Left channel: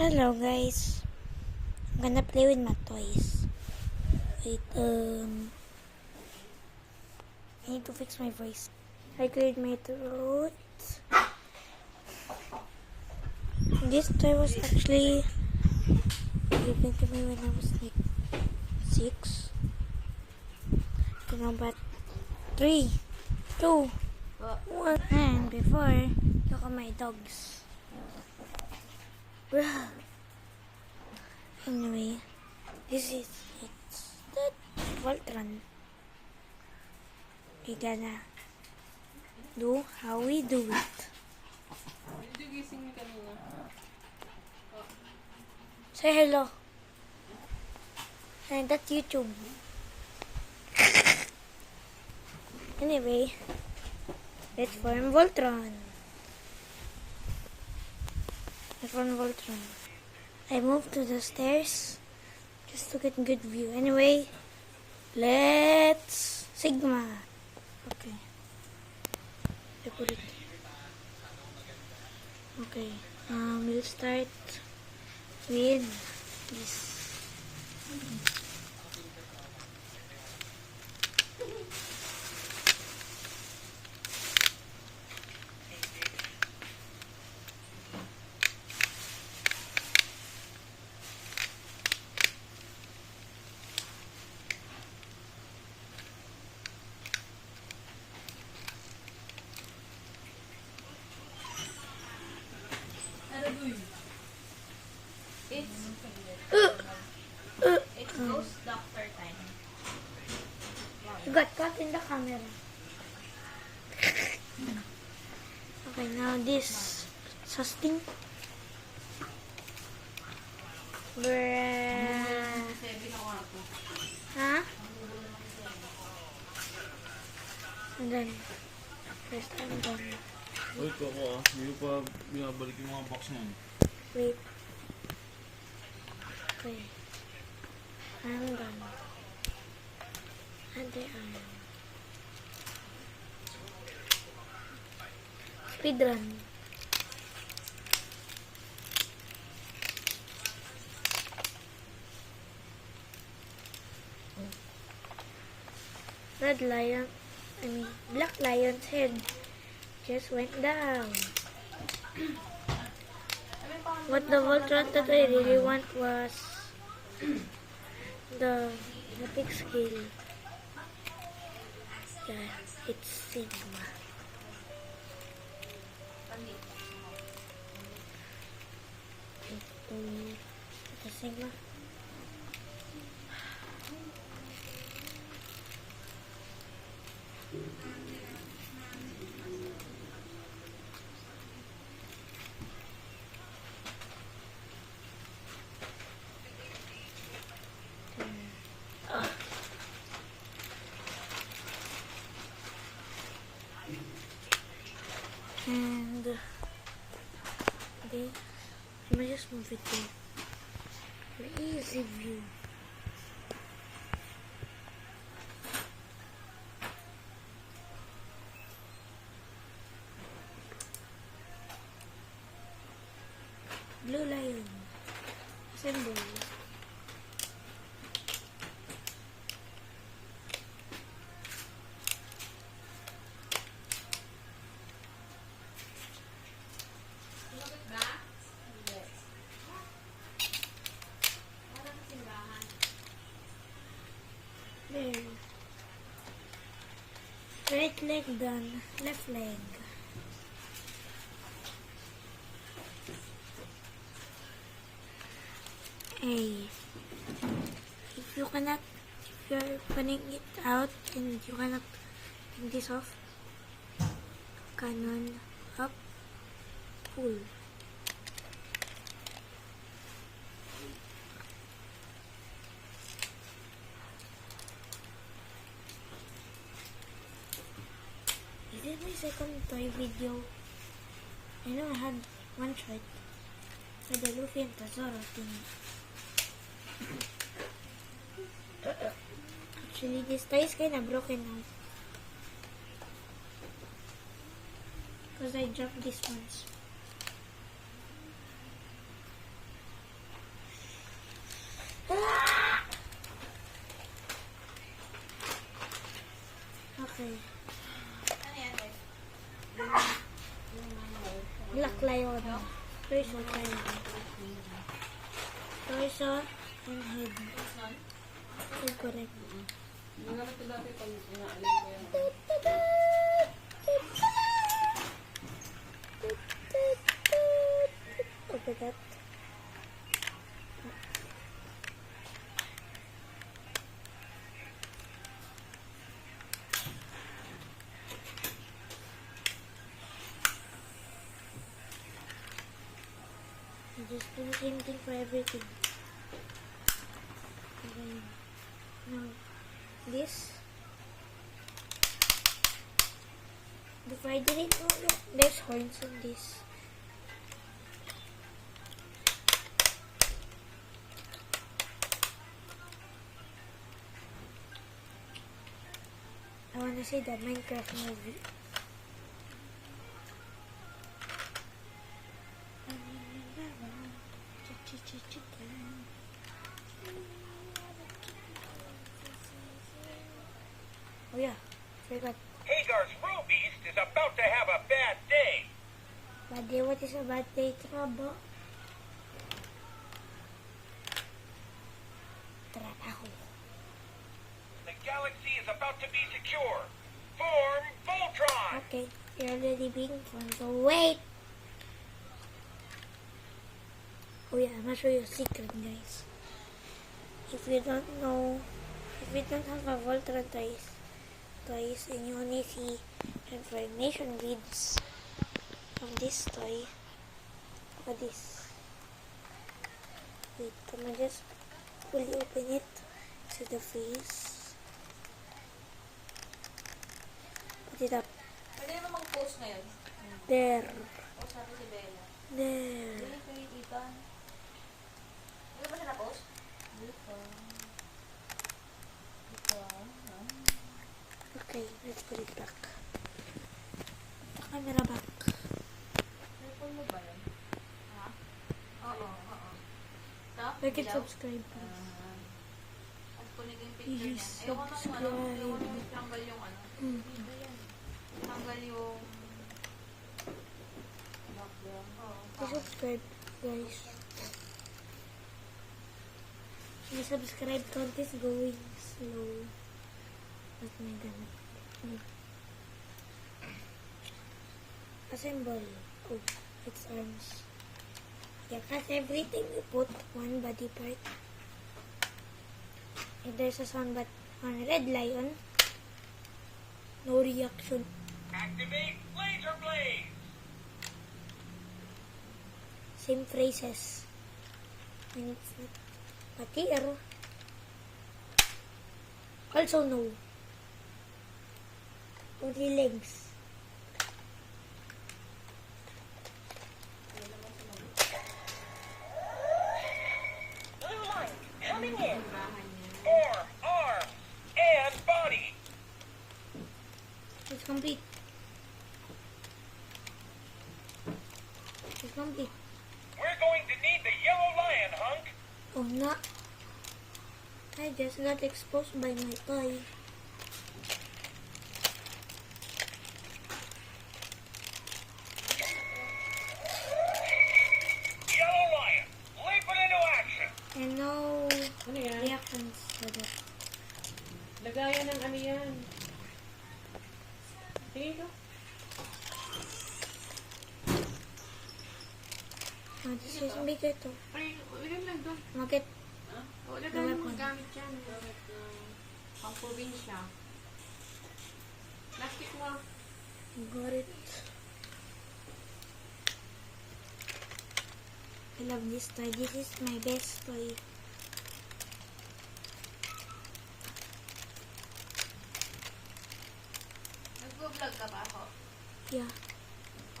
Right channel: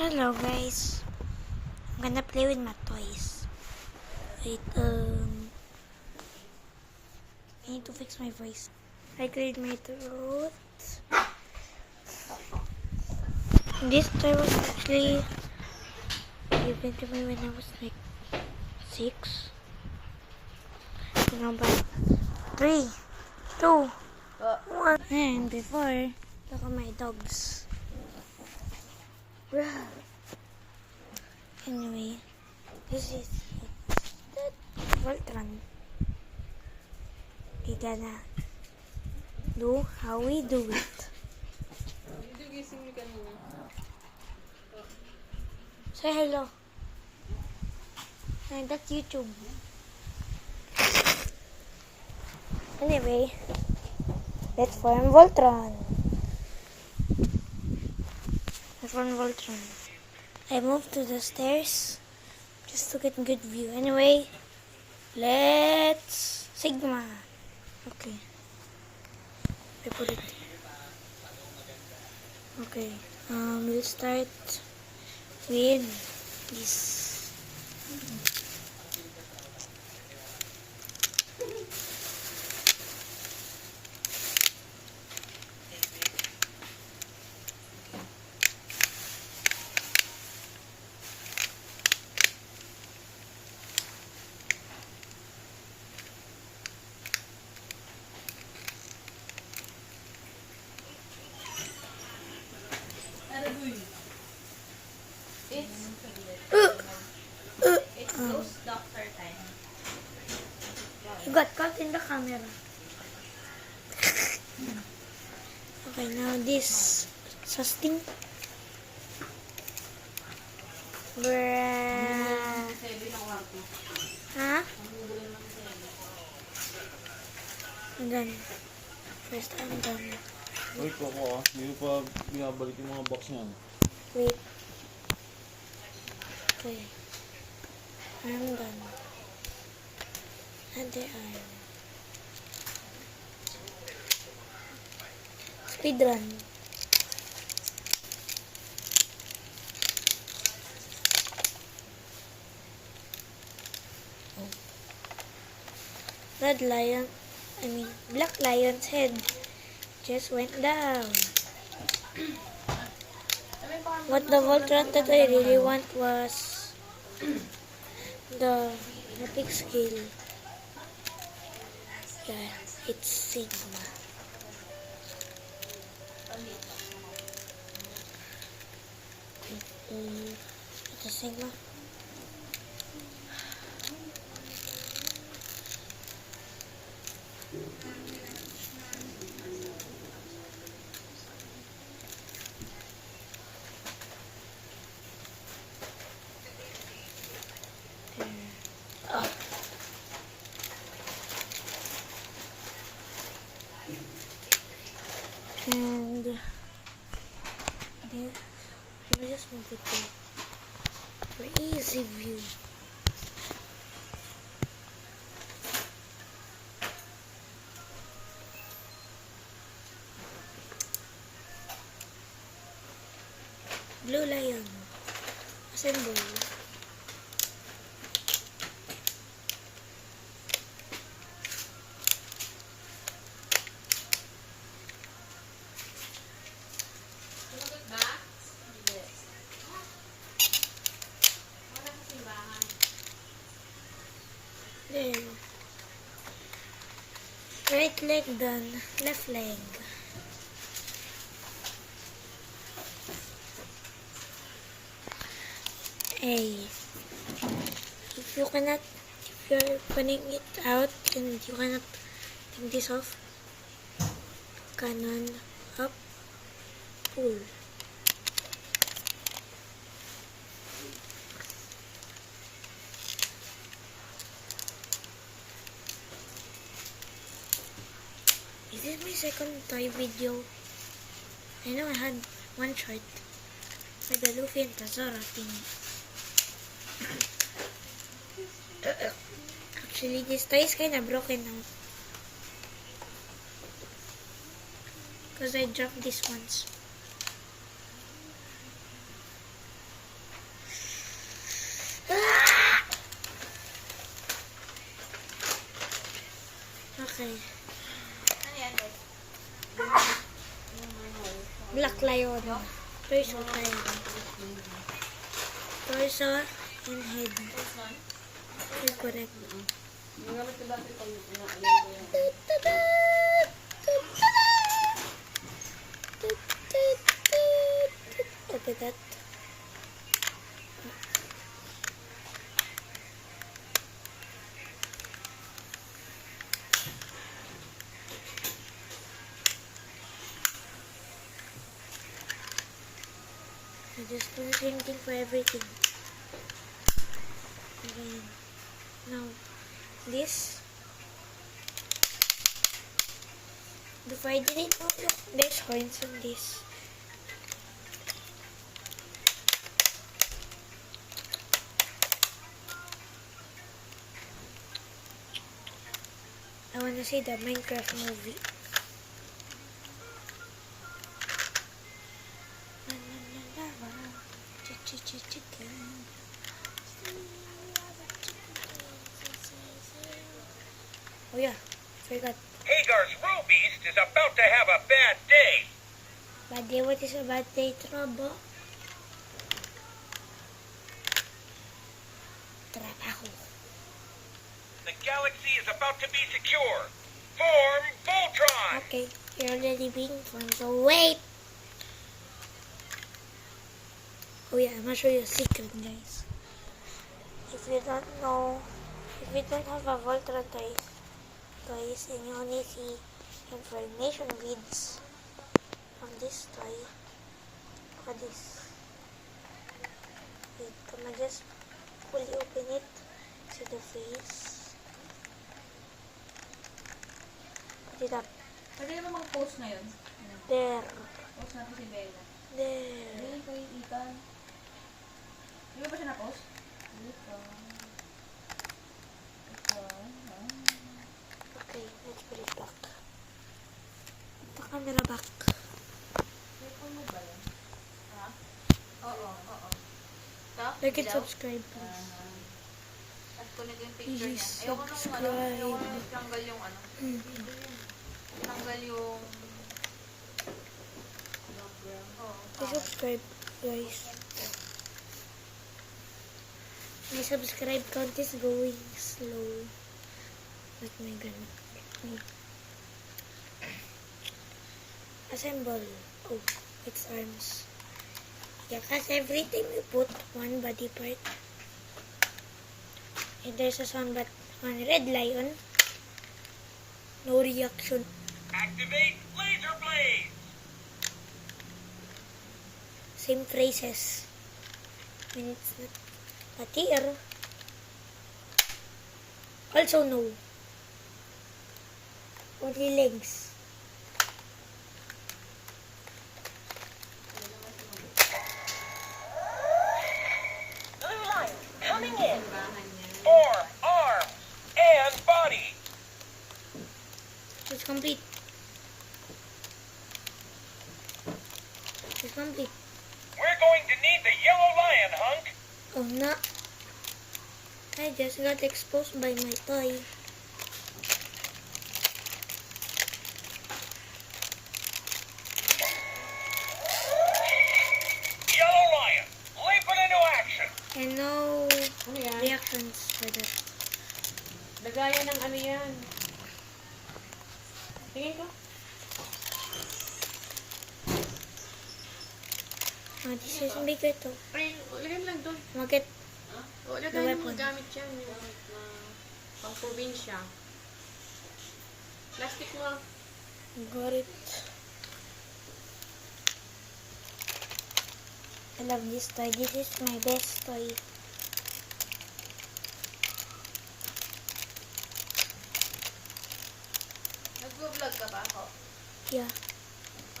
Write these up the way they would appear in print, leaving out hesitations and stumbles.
Hello guys, I'm gonna play with my toys. Wait, I need to fix my voice. I cleared my throat. This toy was actually given to me when I was like 6. You know, but 3, 2, 1. And before, look at my dogs. Anyway, this is the Voltron. We're gonna do how we do it. Say hello. And that's YouTube. Anyway, let's form Voltron. Let's form Voltron. I moved to the stairs just to get a good view. Anyway, let's Sigma. Okay. I put it. Okay. We'll start with this. It's doctor time. You got caught in the camera. Okay, now this sustain. Bruh. Huh? I'm done. First, I'm done. Wait ako hindi pa binabalik yung mga box na yan. Wait. Okay. I'm done. Other arm. Speedrun. Black Lion's head just went down. What the Voltron that I really want was the epic skill. Yeah, it's Sigma. It's a Sigma. And then let me just move it for easy view. Blue Lion assemble. There. Right leg done. Left leg. Hey. If you're putting it out and you cannot take this off, cannon up, pull. This is my second toy video. I know I had one short with the Luffy and Tazora thing. Actually, this toy is kinda broken now. Because I dropped this once. Okay. Ano yan, guys? Black Lion. Torso tayo. Torso and head. Tapos nun? Is correct. Nagamit ko dati pag inaalam ko yan. Copy that. I just do the same thing for everything. Okay. Now, this. Before I did it, oh, look, there's coins on this. I wanna see the Minecraft movie. Oh yeah, forgot. Hagar's Rubeast is about to have a bad day. Bad day, what is a bad day? Trouble. Trabaho. The galaxy is about to be secure. Form Voltron! Okay, you're already being formed, so wait! Oh yeah, I'm gonna show you a secret, guys. If you don't know, if you don't have a Voltron toys, and you only see information vids on this toy, look at this. Wait, can I just fully open it? See the face? Put it up. Pwede ka namang post na yun. There. Post natin si Bella. There. Hindi, kay Ethan. Hindi ba siya na-post? Ethan. Okay, let's put it back. The camera back. Cellphone mo ba yun? Ha? Oo, oo. Ito? Like and Dilaw? subscribe, please. At kunin ko yung picture niya. Please Ayoko nung ano, ayoko subscribe. nung tanggal yung ano. Mm. Tanggal yung background. Oo. Please subscribe, guys. My subscribe count is going slow. Like my gun. Assemble. Oh, it's arms. Yeah, cause every time you put one body part, and there's a sound but on Red Lion, no reaction. Activate Laser Blades! Same phrases. When it's not. But here, also no. Only legs. Blue light coming in. Form, arms, and body. It's complete. It's complete. We're going to need the yellow lion, Hunk. Oh no. I just got exposed by my toy. Yellow lion, leap it into action. And no Ano yan? reactions for that. Lagayan ng ano yan. Tingin ko. Oh, this is bigger too. Ay, ilagay mo lang doon. Market. O, The ilagay mo weapon. gamit yan. Yung na pang probinsya. Plastic mo. Got it. I love this toy. This is my best toy. Nag-vlog ka ba ako? Yeah.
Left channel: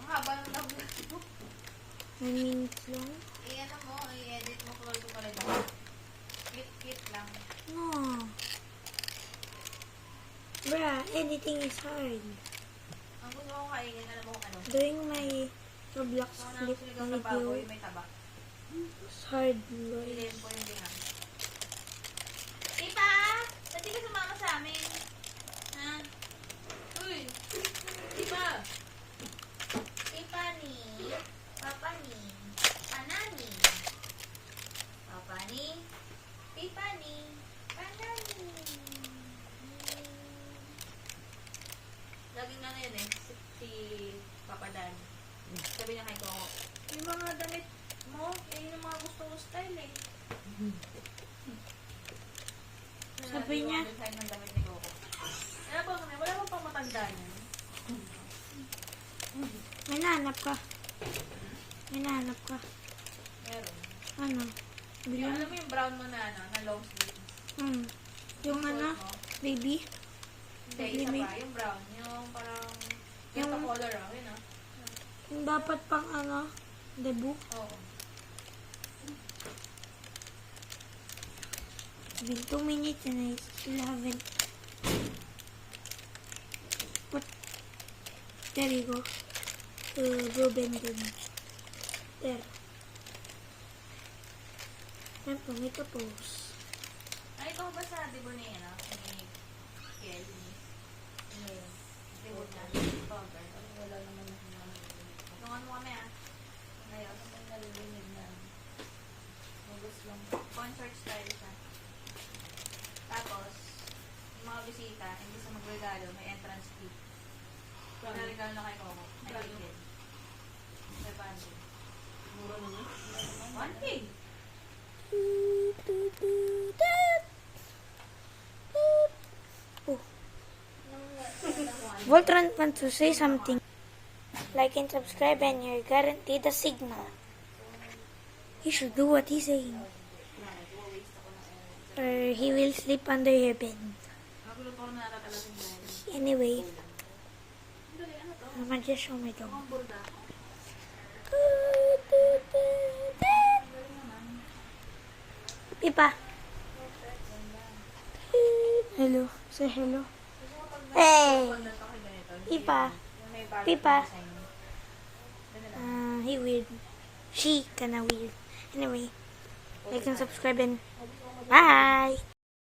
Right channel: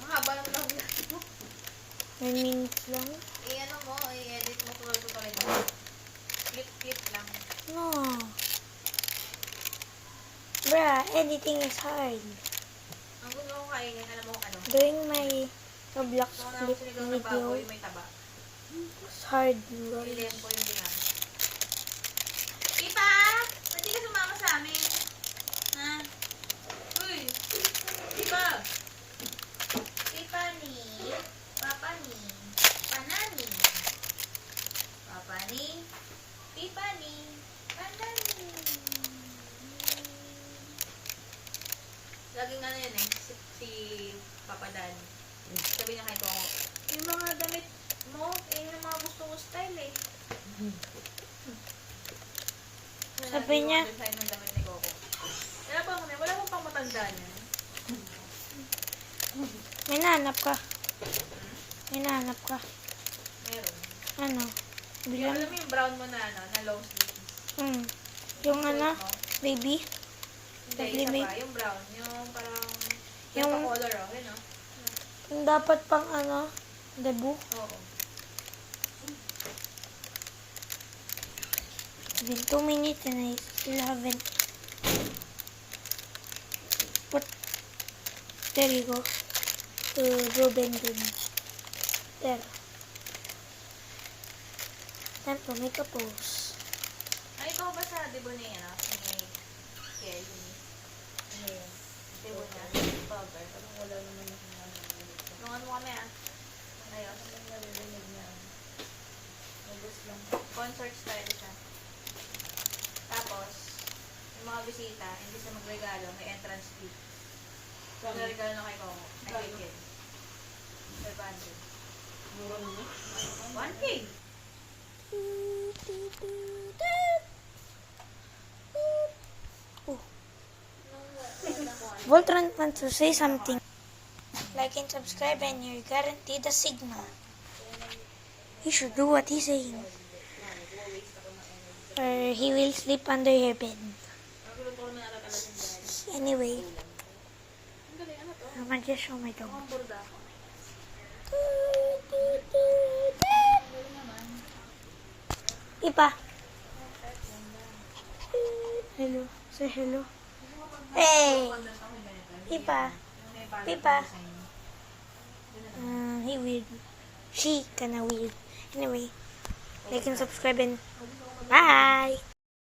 Ang haba ng vlog mo. 9 minutes lang. I-ano mo, i-edit mo ko talaga. Clip lang. No. Bruh, editing is hard. Ang gusto kong kainin, alam mo kung ano? Doing my Roblox Gusto ko na flip sinigaw na baboy, video may taba. is hard. bro. Pilihan ko yung ginamit. Ipa! Ba't di ka sumama sa amin? Ha? Uy! Pipa! Pipa ni. Papa ni. Panani. Papa ni. Pipa ni. Panani. Laging ano yun eh. Si Papa Dan. Sabi niya kay Coco, yung mga damit mo, yung mga gusto ko style eh. Sabi niya, Design ng damit ni Coco. Kaya pa kami, wala pang matanda niya. may nahanap ka. May nahanap ka. Meron. Ano? Yung, Bilang, alam mo yung brown mo na ano, na low sleeves. yung ano, Suot mo? baby. Hindi, isa Sublimate. pa. Yung brown. Yung parang, Yung- yung color oh. Yun oh. Yung dapat pang ano, debut. Oo. Been 2 minutes and I still haven't. But there you go. Ruben did. There. Time to make a pose. Ay, ikaw ba sa debo niya, no? Ni Kelly. Debo niya. Cover. Wala naman akong ano. Nung ano kami ah. Ngayon. August lang. Concert style siya. Tapos, yung mga bisita, hindi sa magregalo, may entrance fee. Magregalo na kay Coco. Ay, kay Ken. 500. Mura na niya. 1K. Oh. Voltron wants to say something. Like and subscribe and you're guaranteed a signal. You should do what he's saying. Or he will sleep under your bed. Nagulat ko na natatala si Daddy. Anyway, Ang galing, ano to? I'm gonna just show my dog. Ang burda ako. Pipa. Hello. Say hello. Hey. Pipa. Pipa. He weird. She kinda weird. Anyway, like and subscribe and bye.